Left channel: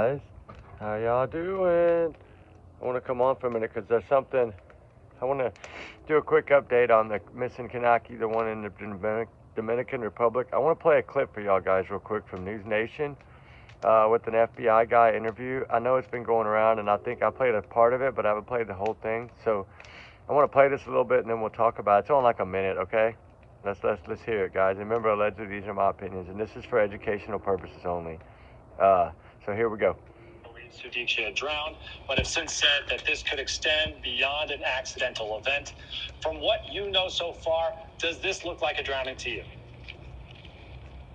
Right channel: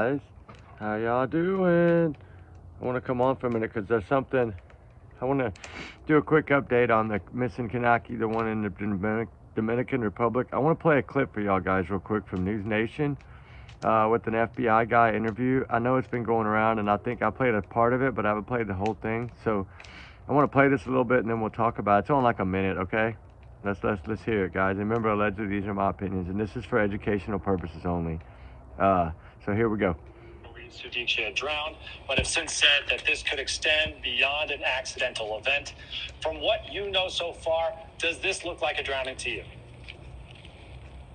Guys, how y'all doing? I want to come on for a minute because there's something. I want to do a quick update on the missing Konanki, the one in the Dominican Republic. I want to play a clip for y'all guys real quick from News Nation with an FBI guy interview. I know it's been going around, and I think I played a part of it, but I haven't played the whole thing. So I want to play this a little bit, and then we'll talk about it. It's only like a minute, okay? Let's hear it, guys. Remember, allegedly, these are my opinions, and this is for educational purposes only. So here we go. Sudiksha had drowned, but have since said that this could extend beyond an accidental event. From what you know so far, does this look like a drowning to you?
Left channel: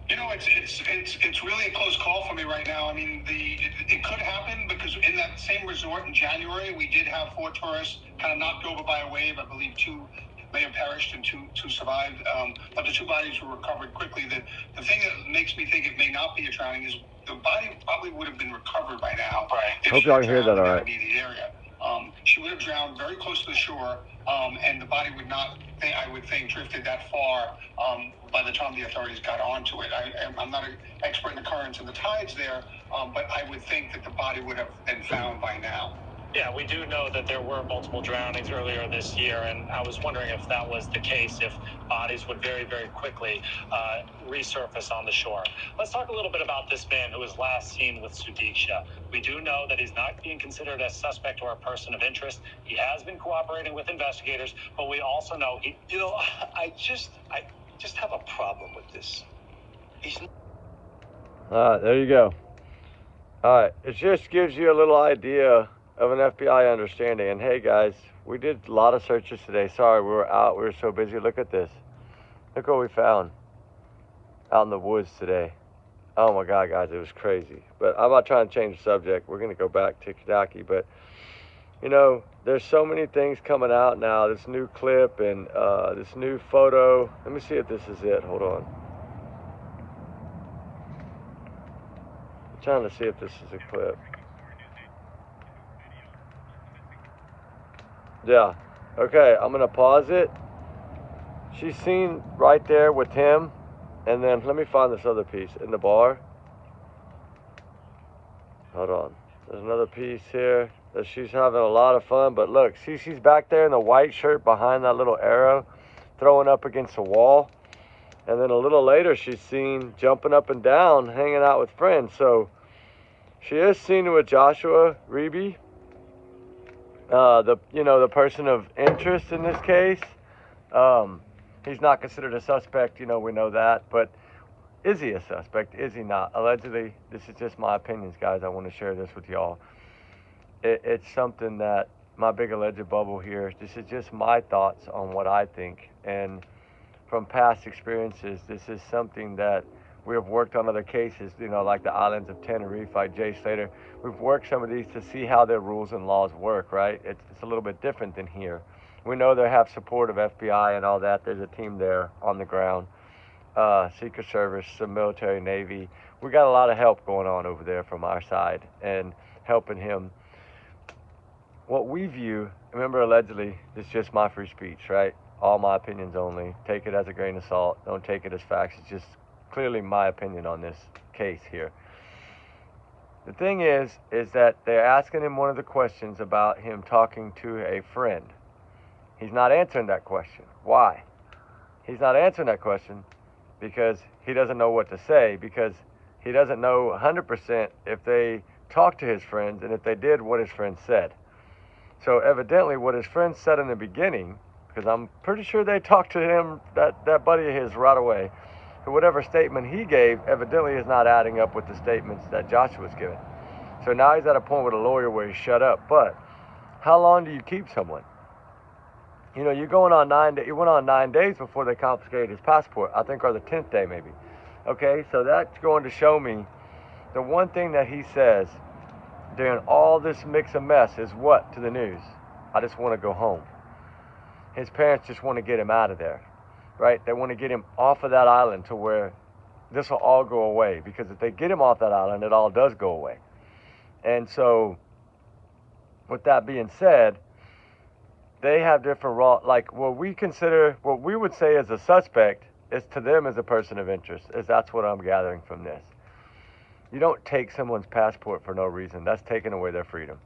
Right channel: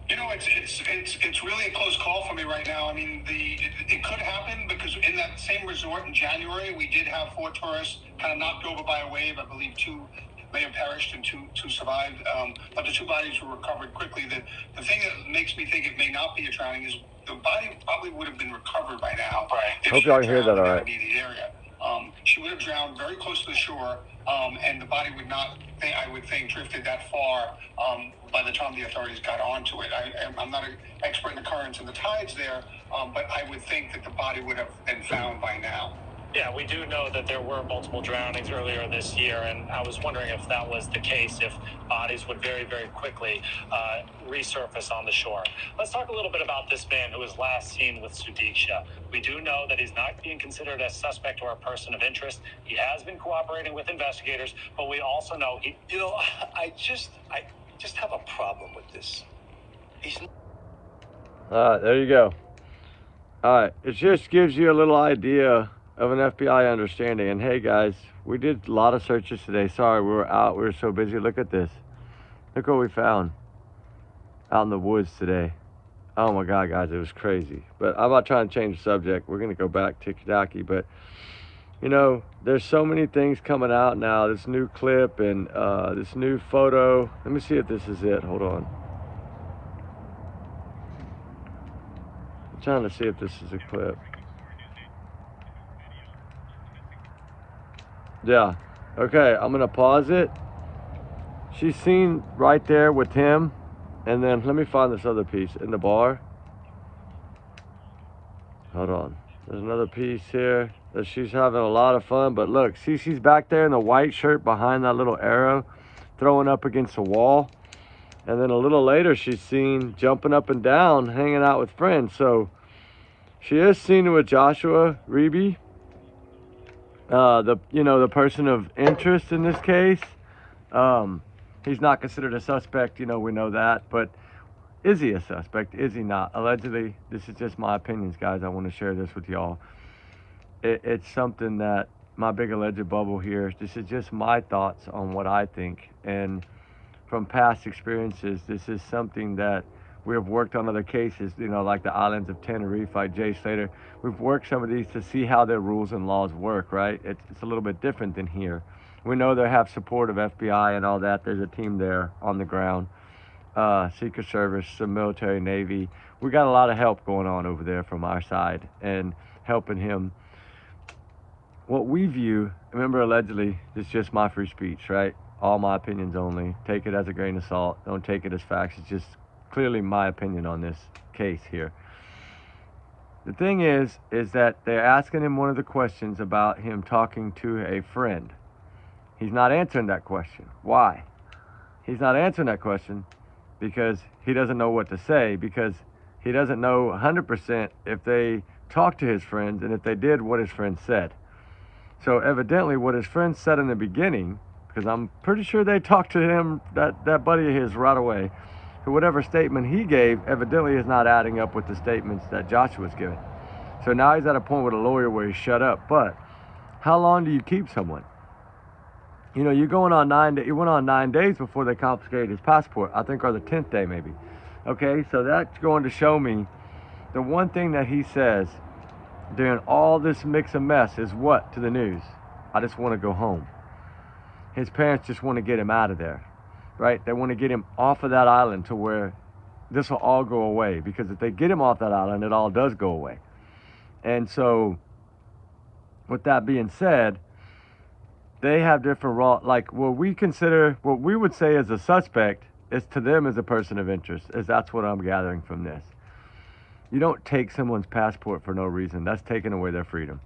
You know, it's really a close call for me right now. I mean, it could happen because in that same resort in January, we did have 4 tourists kind of knocked over by a wave. I believe 2 may have perished and two survived, but the 2 bodies were recovered quickly. The thing that makes me think it may not be a drowning is the body probably would have been recovered by now. Right. Hope y'all hear that all right. The area. She would have drowned very close to the shore, and the body would not, I would think, drifted that far by the time the authorities got onto it. I'm not an expert in the currents and the tides there, but I would think that the body would have been found by now. Yeah, we do know that there were multiple drownings earlier this year, and I was wondering if that was the case, if bodies would very, very quickly resurface on the shore. Let's talk a little bit about this man who was last seen with Sudiksha. We do know that he's not being considered a suspect or a person of interest. He has been cooperating with investigators, but we also know he... You know, I just have a problem with this. All right, there you go. All right, it just gives you a little idea of an FBI understanding. And hey guys, we did a lot of searches today. Sorry, we were out, we were so busy. Look at this. Look what we found out in the woods today. Oh my God, guys, it was crazy. But I'm not trying to change the subject. We're gonna go back to Konanki, but you know, there's so many things coming out now. This new clip and this new photo. Let me see if this is it. Hold on. I'm trying to see if this is a clip. Yeah, okay, I'm gonna pause it. She's seen right there with him, and then let me find this other piece in the bar. Hold on, there's another piece here that she's having a lot of fun, but look, see, she's back there in the white shirt behind that little arrow, throwing up against the wall. And then a little later, she's seen jumping up and down, hanging out with friends. So she is seen with Joshua Reeby. The person of interest in this case. He's not considered a suspect, we know that, but is he a suspect? Is he not? Allegedly, this is just my opinions, guys. I want to share this with y'all. It's something that my big alleged bubble here, this is just my thoughts on what I think, and from past experiences, this is something that we have worked on other cases, like the islands of Tenerife, like Jay Slater. We've worked some of these to see how their rules and laws work, right? It's a little bit different than here. We know they have support of FBI and all that. There's a team there on the ground, Secret Service, some military, Navy. We got a lot of help going on over there from our side and helping him. What we view, remember, allegedly, it's just my free speech, right? All my opinions only. Take it as a grain of salt. Don't take it as facts. It's just clearly my opinion on this case here. The thing is that they're asking him one of the questions about him talking to a friend. He's not answering that question. Why? He's not answering that question because he doesn't know what to say, because he doesn't know 100% if they talked to his friends, and if they did, what his friends said. So evidently what his friends said in the beginning, because I'm pretty sure they talked to him, that buddy of his, right away, whatever statement he gave evidently is not adding up with the statements that Joshua's given. So now he's at a point with a lawyer where he's shut up. But how long do you keep someone? You're going on 9 days. He went on 9 days before they confiscated his passport, I think, or the 10th day maybe. Okay, so that's going to show me the one thing that he says during all this mix of mess is what to the news? I just want to go home. His parents just want to get him out of there. Right? They want to get him off of that island to where this will all go away, because if they get him off that island, it all does go away. And so with that being said, they have different like what we would say as a suspect is to them as a person of interest, is that's what I'm gathering from this. You don't take someone's passport for no reason. That's taking away their freedom,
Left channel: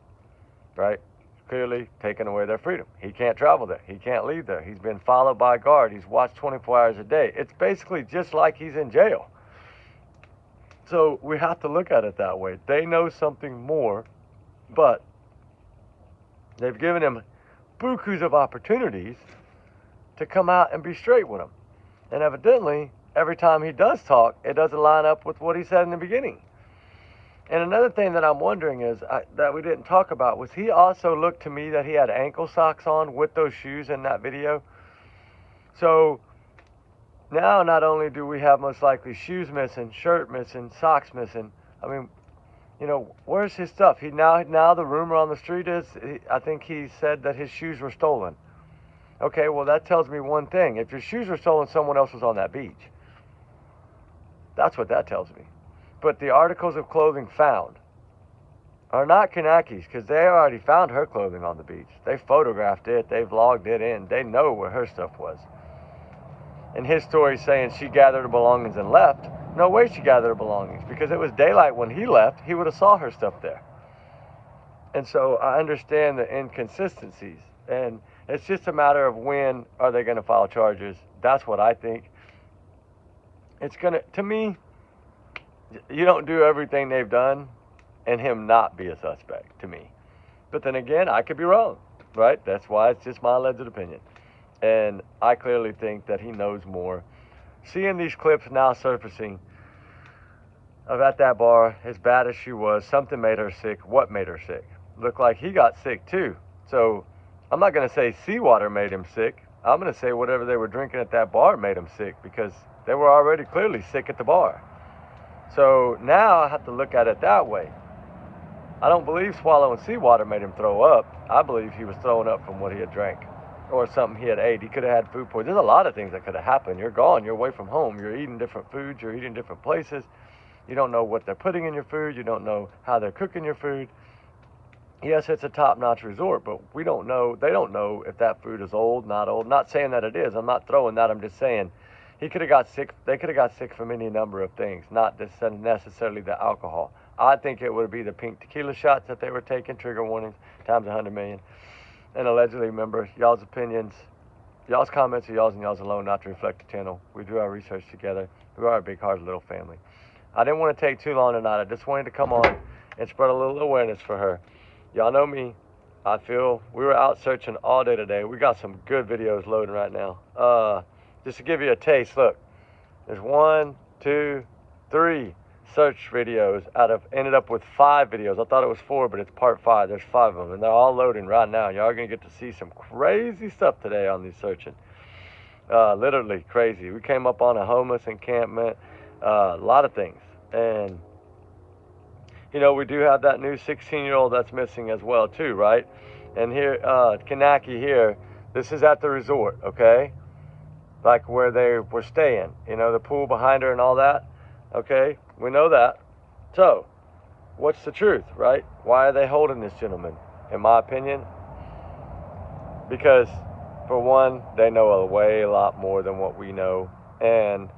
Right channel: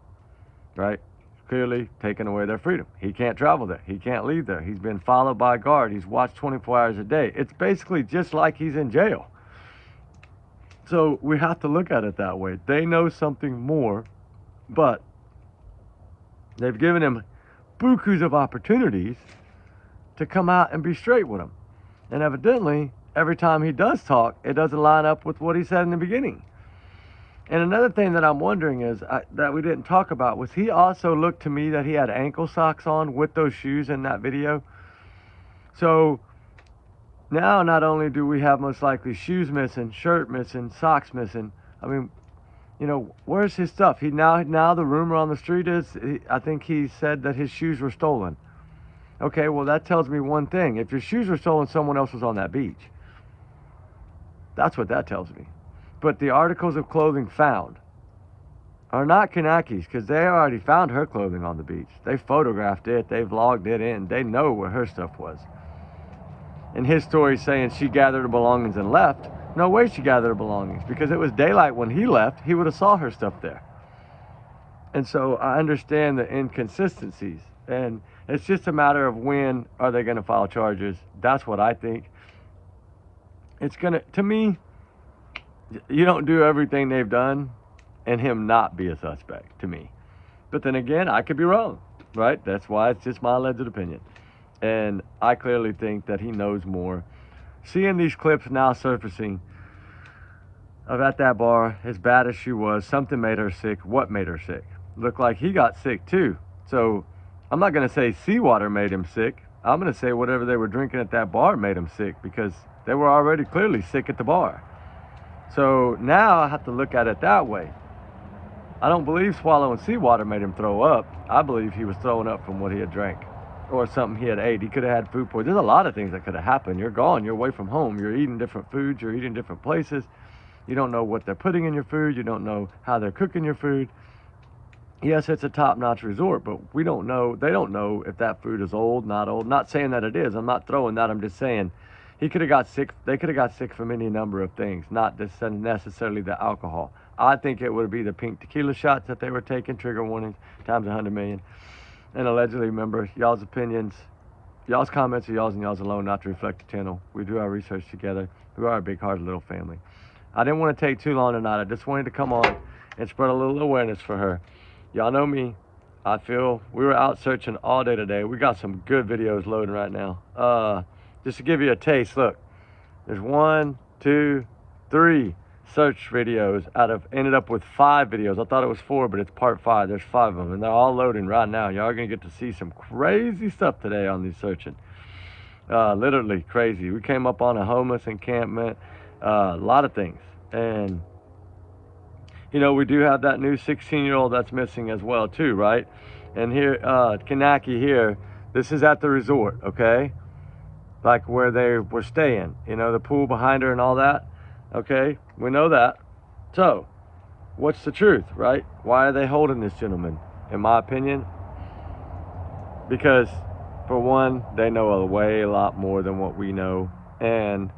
right? Clearly taking away their freedom. He can't travel there. He can't leave there. He's been followed by a guard. He's watched 24 hours a day. It's basically just like he's in jail. So we have to look at it that way. They know something more, but they've given him bukus of opportunities to come out and be straight with him. And evidently, every time he does talk, it doesn't line up with what he said in the beginning. And another thing that I'm wondering is, that we didn't talk about, was he also looked to me that he had ankle socks on with those shoes in that video. So now not only do we have most likely shoes missing, shirt missing, socks missing, I mean, you know, where's his stuff? Now the rumor on the street is, I think he said that his shoes were stolen. Okay, well that tells me one thing. If your shoes were stolen, someone else was on that beach. That's what that tells me. But the articles of clothing found are not Konanki's, because they already found her clothing on the beach. They photographed it, they vlogged it in, they know where her stuff was. And his story saying she gathered her belongings and left, no way she gathered her belongings, because it was daylight when he left. He would have saw her stuff there. And so I understand the inconsistencies, and it's just a matter of when are they going to file charges. That's what I think. It's gonna, to me, you don't do everything they've done and him not be a suspect, to me. But then again, I could be wrong, right? That's why it's just my alleged opinion. And I clearly think that he knows more. Seeing these clips now surfacing of at that bar, as bad as she was, something made her sick. What made her sick? Looked like he got sick too. So I'm not gonna say seawater made him sick. I'm gonna say whatever they were drinking at that bar made him sick, because they were already clearly sick at the bar. So now I have to look at it that way. I don't believe swallowing seawater made him throw up. I believe he was throwing up from what he had drank or something he had ate. He could have had food poisoning. There's a lot of things that could have happened. You're gone. You're away from home. You're eating different foods. You're eating different places. You don't know what they're putting in your food. You don't know how they're cooking your food. Yes, it's a top-notch resort, but we don't know. They don't know if that food is old, not old. Not saying that it is. I'm not throwing that. I'm just saying he could have got sick. They could have got sick from any number of things, not necessarily the alcohol. I think it would be the pink tequila shots that they were taking, trigger warnings, times 100 million. And allegedly, remember, y'all's opinions, y'all's comments are y'all's and y'all's alone, not to reflect the channel. We do our research together. We are a big, hard little family. I didn't want to take too long tonight. I just wanted to come on and spread a little awareness for her. Y'all know me. I feel we were out searching all day today. We got some good videos loading right now. Just to give you a taste, look, there's 1, 2, 3 search videos ended up with 5 videos. I thought it was 4, but it's part 5. There's 5 of them, and they're all loading right now. Y'all are gonna get to see some crazy stuff today on these searching. Literally crazy. We came up on a homeless encampment, a lot of things. And you know, we do have that new 16-year-old that's missing as well too, right? And here, Konanki here, this is at the resort, okay? Like where they were staying, you know, the pool behind her and all that, okay? We know that. So, what's the truth, right? Why are they holding this gentleman? In my opinion, because for one, they know a lot more than what we know, and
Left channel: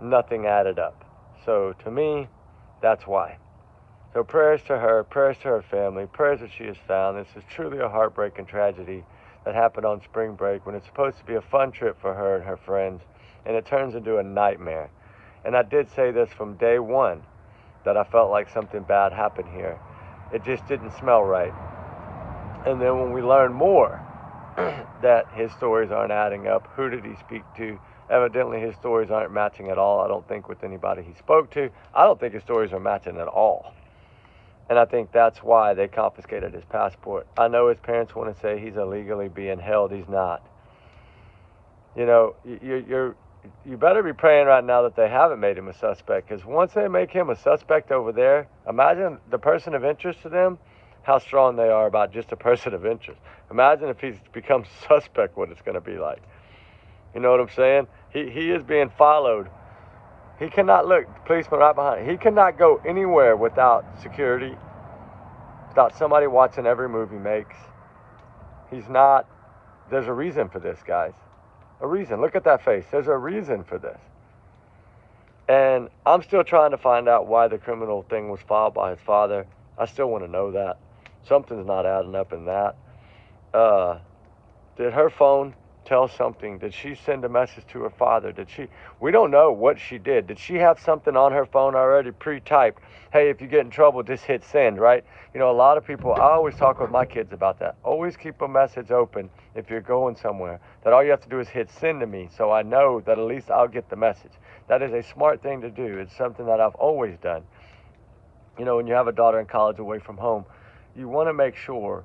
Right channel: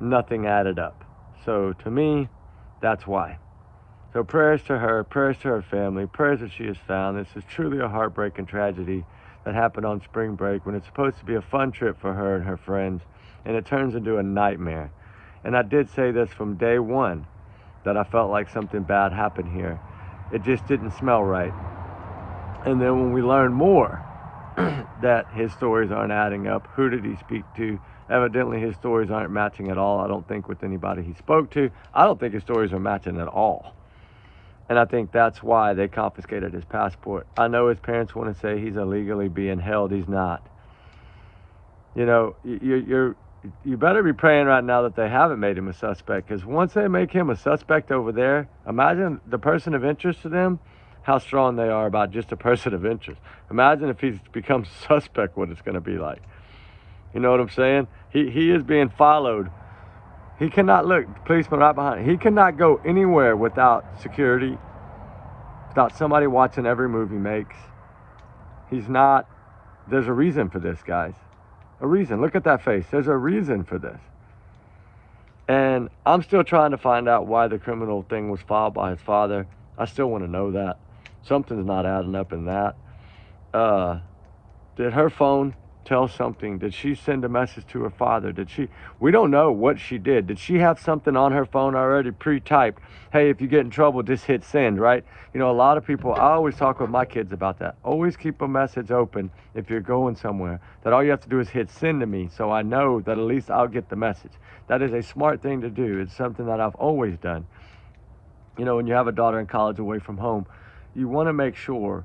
nothing added up. So to me, that's why. So prayers to her, prayers to her family, prayers that she is found. This is truly a heartbreaking tragedy that happened on spring break when it's supposed to be a fun trip for her and her friends, and it turns into a nightmare. And I did say this from day one, that I felt like something bad happened here. It just didn't smell right. And then when we learned more, that his stories aren't adding up, who did he speak to? Evidently his stories aren't matching at all, I don't think, with anybody he spoke to. I don't think his stories are matching at all. And I think that's why they confiscated his passport. I know his parents want to say he's illegally being held. He's not. You know, you better be praying right now that they haven't made him a suspect, because once they make him a suspect over there, imagine the person of interest to them, how strong they are about just a person of interest. Imagine if he's becomes suspect, what it's going to be like. You know what I'm saying? He is being followed. He cannot look, the policeman right behind him. He cannot go anywhere without security, without somebody watching every move he makes. He's not, there's a reason for this, guys. A reason. Look at that face. There's a reason for this. And I'm still trying to find out why the criminal thing was filed by his father. I still want to know that. Something's not adding up in that. Did her phone tell something? Did she send a message to her father? We don't know what she did. Did she have something on her phone already pre-typed? Hey, if you get in trouble, just hit send, right? You know, a lot of people, I always talk with my kids about that. Always keep a message open if you're going somewhere, that all you have to do is hit send to me, so I know that at least I'll get the message. That is a smart thing to do. It's something that I've always done. You know, when you have a daughter in college away from home, you want to make sure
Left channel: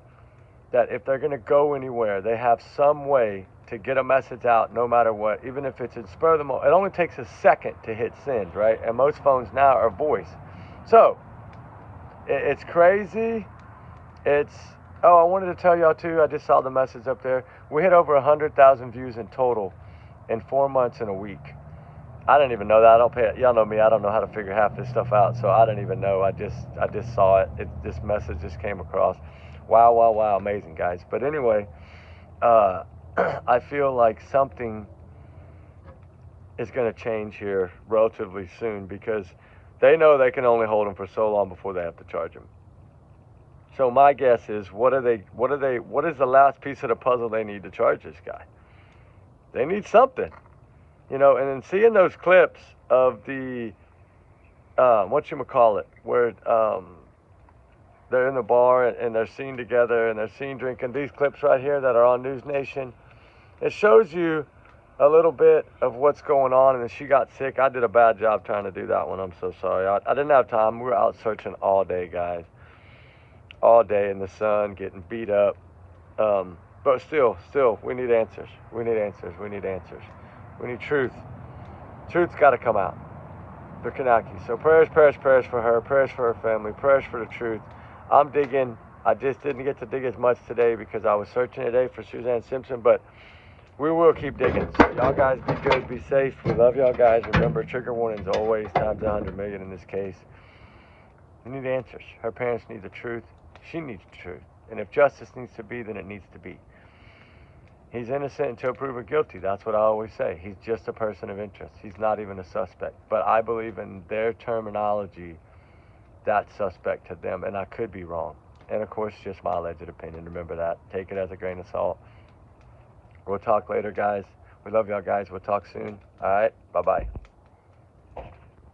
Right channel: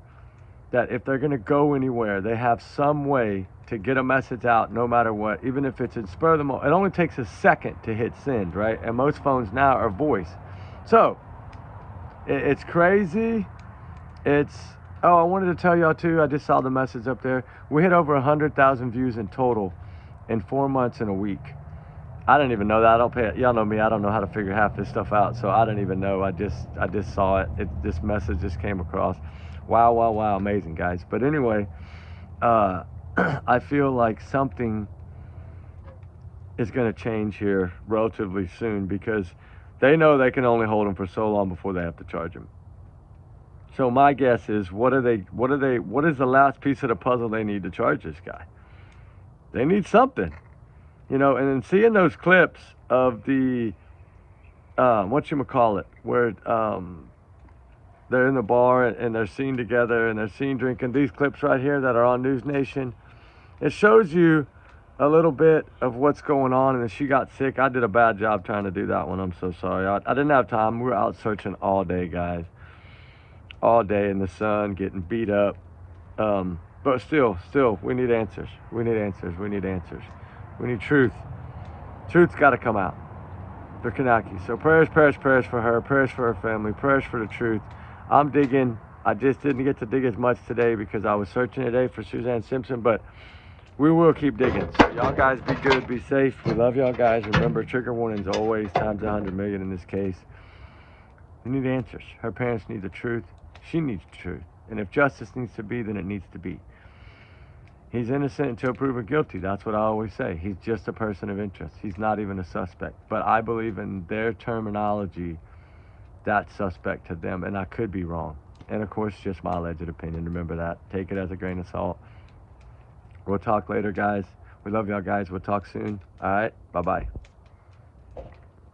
that if they're going to go anywhere, they have some way to get a message out no matter what, even if it's in spur of the moment. It only takes a second to hit send, right? And most phones now are voice. So it's crazy. Oh, I wanted to tell y'all too, I just saw the message up there. We hit over 100,000 views in total in 4 months and a week. I didn't even know that. Y'all know me, I don't know how to figure half this stuff out, so I didn't even know. I just saw it. This message just came across. Wow, wow, wow, amazing, guys. But anyway, I feel like something is going to change here relatively soon, because they know they can only hold him for so long before they have to charge him. So my guess is, what is the last piece of the puzzle they need to charge this guy? They need something. You know, and then seeing those clips of the, where they're in the bar and they're seen together and they're seen drinking, these clips right here that are on News Nation, it shows you a little bit of what's going on. And then she got sick. I did a bad job trying to do that one. I'm so sorry. I didn't have time. We were out searching all day, guys. All day in the sun, getting beat up. But still, we need answers. We need answers. We need answers. We need truth. Truth's got to come out for Konanki. So prayers for her, prayers for her family, prayers for the truth. I'm digging. I just didn't get to dig as much today because I was searching today for Suzanne Simpson, but we will keep digging. So y'all guys be good, be safe. We love y'all guys. Remember, trigger warnings always times 100 million in this case. We need answers. Her parents need the truth. She needs the truth. And if justice needs to be, then it needs to be. He's innocent until proven guilty. That's what I always say. He's just a person of interest. He's not even a suspect. But I believe in their terminology, that's suspect to them, and I could be wrong. And of course, just my alleged opinion. Remember that. Take it as a grain of salt. We'll talk later, guys. We love y'all guys. We'll talk soon. All right. Bye-bye.